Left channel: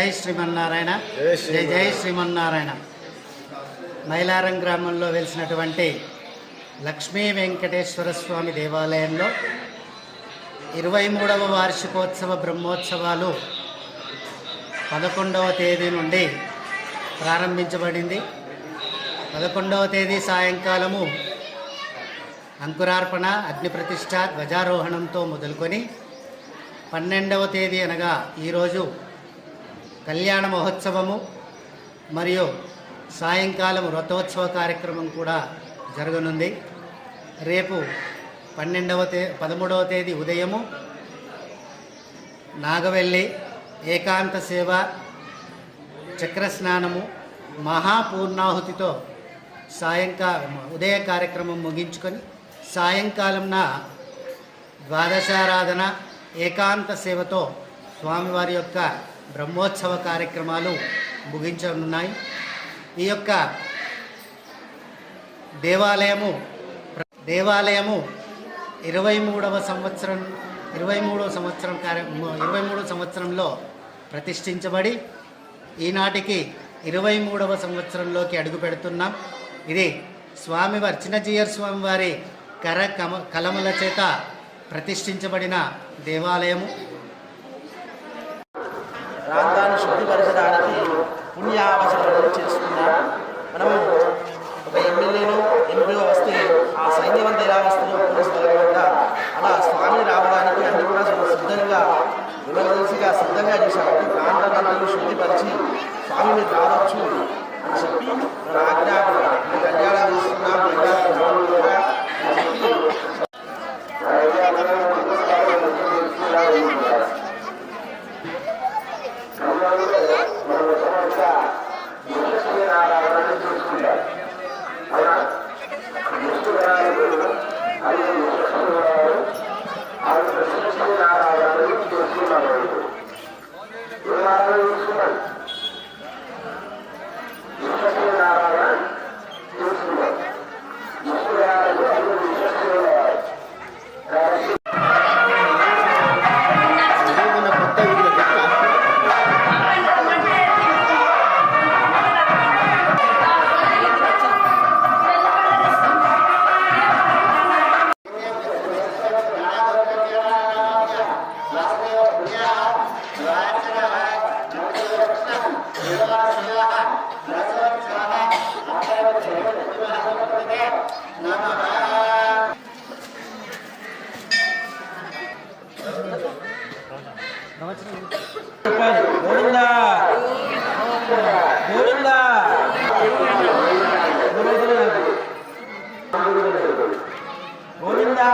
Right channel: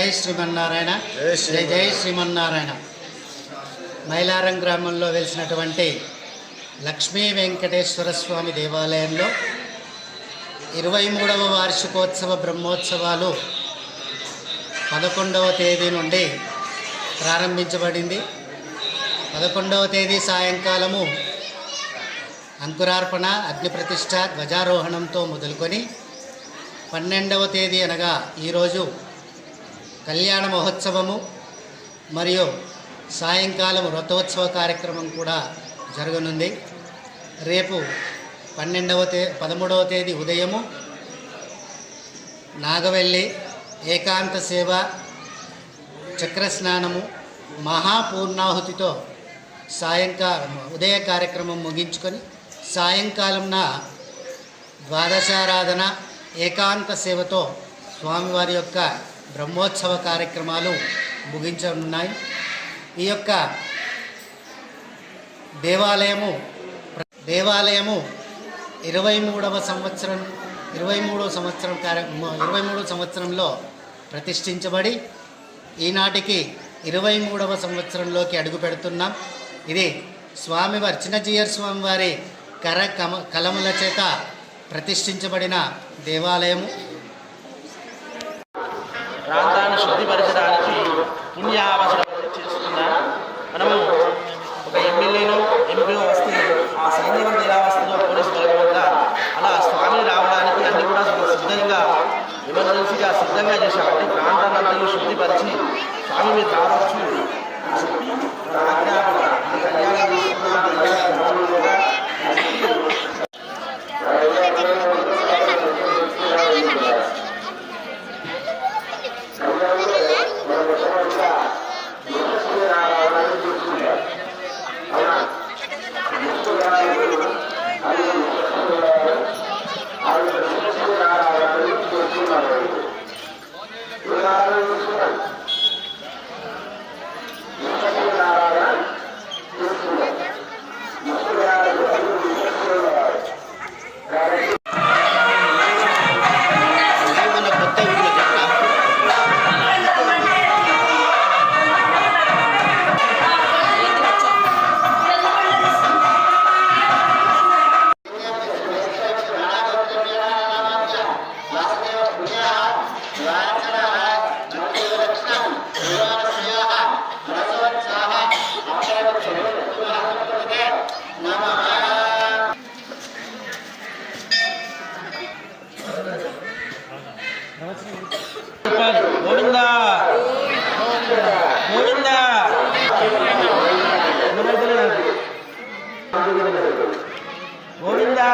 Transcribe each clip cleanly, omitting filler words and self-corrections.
జై శ్రీమన్నారాయణ. జై జై శ్రీమన్నారాయణ. మైలారం గ్రామంలో వెలిసినటువంటి లక్ష్మీ వెంకటేశ్వర స్వామి దేవాలయంలో 23వ వార్షికోత్సవ బ్రహ్మోత్సవాలు 11వ తేదీ నుండి ప్రారంభించబడింది. 11వ తేదీ సాయంకాలము అంకురార్పణ, అగ్నిప్రతిష్ఠ, ధ్వజారోహణంతో మొదలుకొని 12వ తేదీ అనగా ఈరోజు కళ్యాణ మహోత్సవము మరియు సాయంకాలం రథోత్సవ కార్యక్రమం కూడా జరగనుంది. రేపు 13వ తేదీ ఉదయము నాగవెల్లి ఏకాంత సేవ, చక్రస్నానము, మహాపూర్ణాహుతితో సాయంకాలం ఉదయ కార్యక్రమం ముగించుకొని సాయంకాలంన ద్వాదశారాధన, ఏకాంత సేవతో స్వామివారి యొక్క బ్రహ్మోత్సవ కార్యక్రమాలు ముగించనున్నాయి. ఈ యొక్క దేవాలయము 23వ సంవత్సరంలో ప్రతిష్ఠించబడి ఈనాటికి 23వ సంవత్సరంలోకి అడుగు పెడుతున్నాం. ఇది స్వామివారి చిన్నజీయర్ స్వామివారి కలముల చేత ప్రతిష్ఠించబడిన దేవాలయము. ప్రాంతాన్ని శుద్ధిపరచడానికి పుణ్యావసరం చేసుకున్నాం. మనము ఒక ఎమ్మెల్యేను ఎంపీఓ వస్తే ఆ సైన్యవంత ఎలా వస్తుందో పోలీసు బలగం వద్ద అలా స్వామిని రావడానికి అన్ని కూడా సిద్ధంగా ఎమర్జెన్సీగా సిద్ధంగా చేశామంటే ప్రాంతాన్ని శుద్ధిపరిచి స్వామి మీరు రావచ్చు అని చెప్పి ఆజ్ఞాపన కళ్యాణం తీసుకున్నాం. గోవిందా గోవిందా గోవిందా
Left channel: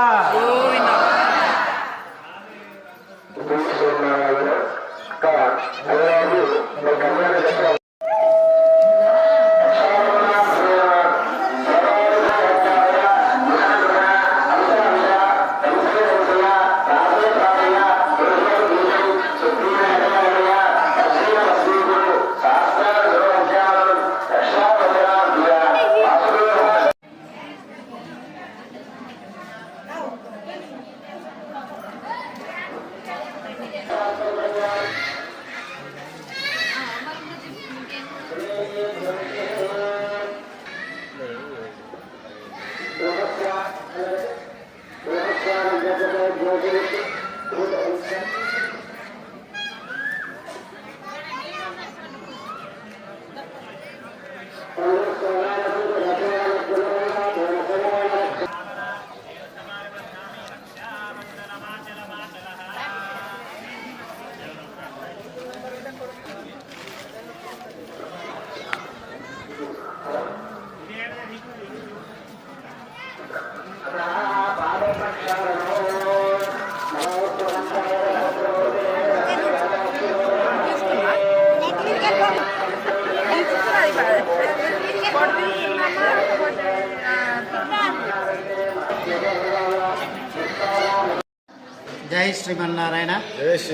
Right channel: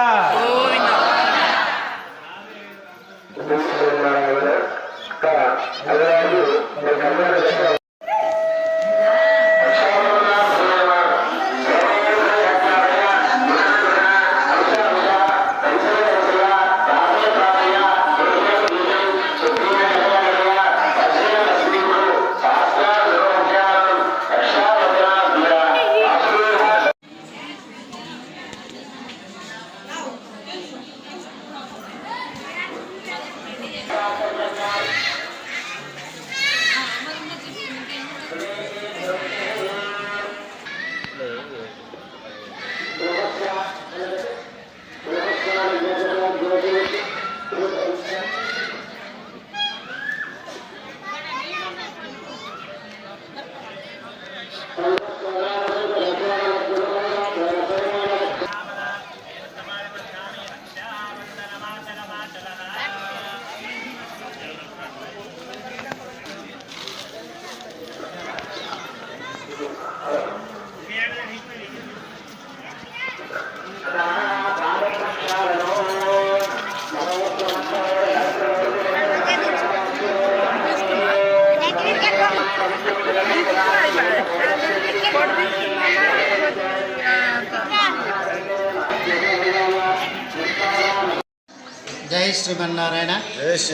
జై శ్రీమన్నారాయణ.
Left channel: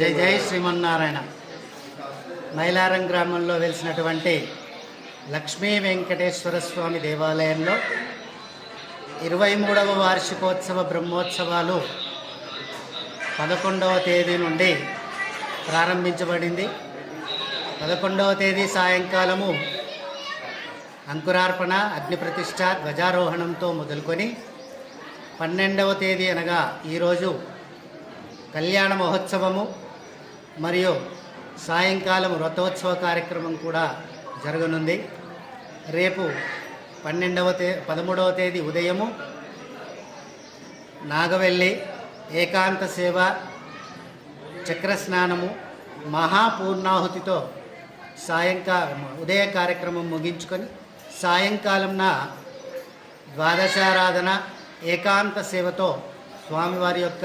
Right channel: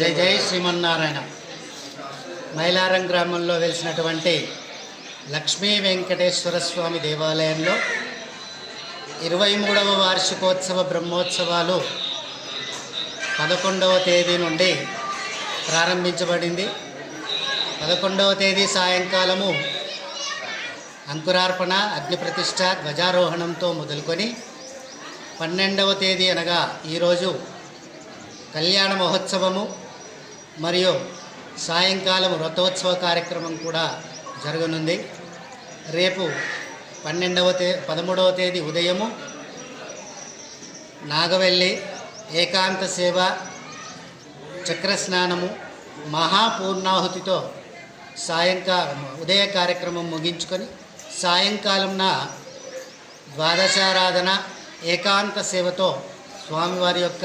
జై జై శ్రీమన్నారాయణ. మైలారం గ్రామంలో వెలిసినటువంటి లక్ష్మీ వెంకటేశ్వర స్వామి దేవాలయంలో 23వ వార్షికోత్సవ బ్రహ్మోత్సవాలు 11వ తేదీ నుండి ప్రారంభించబడింది. 11వ తేదీ సాయంకాలము అంకురార్పణ, అగ్నిప్రతిష్ఠ, ధ్వజారోహణంతో మొదలుకొని 12వ తేదీ అనగా ఈరోజు కళ్యాణ మహోత్సవము మరియు సాయంకాలం రథోత్సవ కార్యక్రమం కూడా జరగనుంది. రేపు 13వ తేదీ ఉదయము నాగవెల్లి ఏకాంత సేవ, చక్రస్నానము, మహాపూర్ణాహుతితో ఉదయ కార్యక్రమం ముగించుకొని సాయంకాలంన ద్వాదశారాధన, ఏకాంత సేవతో స్వామివారి యొక్క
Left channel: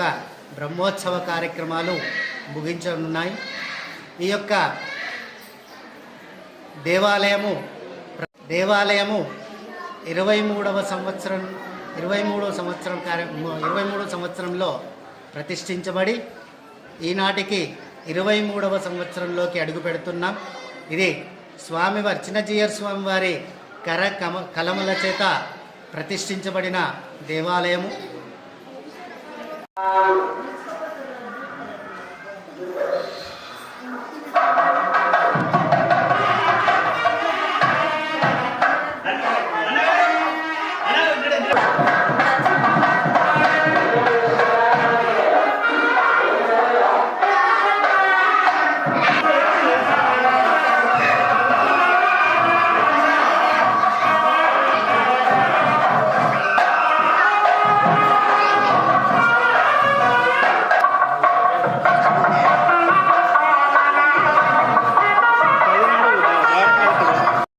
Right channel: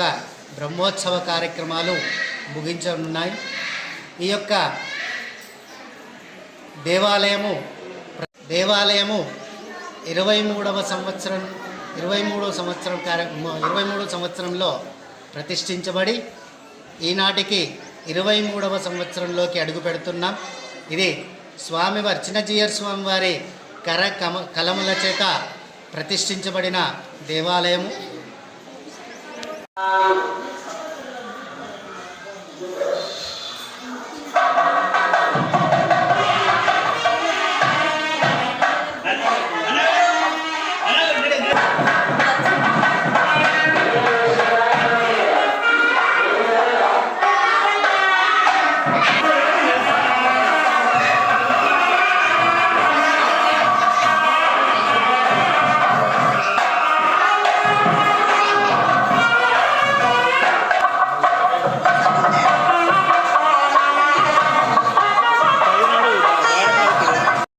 బ్రహ్మోత్సవ కార్యక్రమాలు ముగించనున్నాయి. ఈ యొక్క దేవాలయము 23వ సంవత్సరంలో ప్రతిష్ఠించబడి ఈనాటికి 23వ సంవత్సరంలోకి అడుగు పెడుతున్నాం. ఇది స్వామివారి చిన్నజీయర్ స్వామివారి కలముల చేత ప్రతిష్ఠించబడిన దేవాలయము.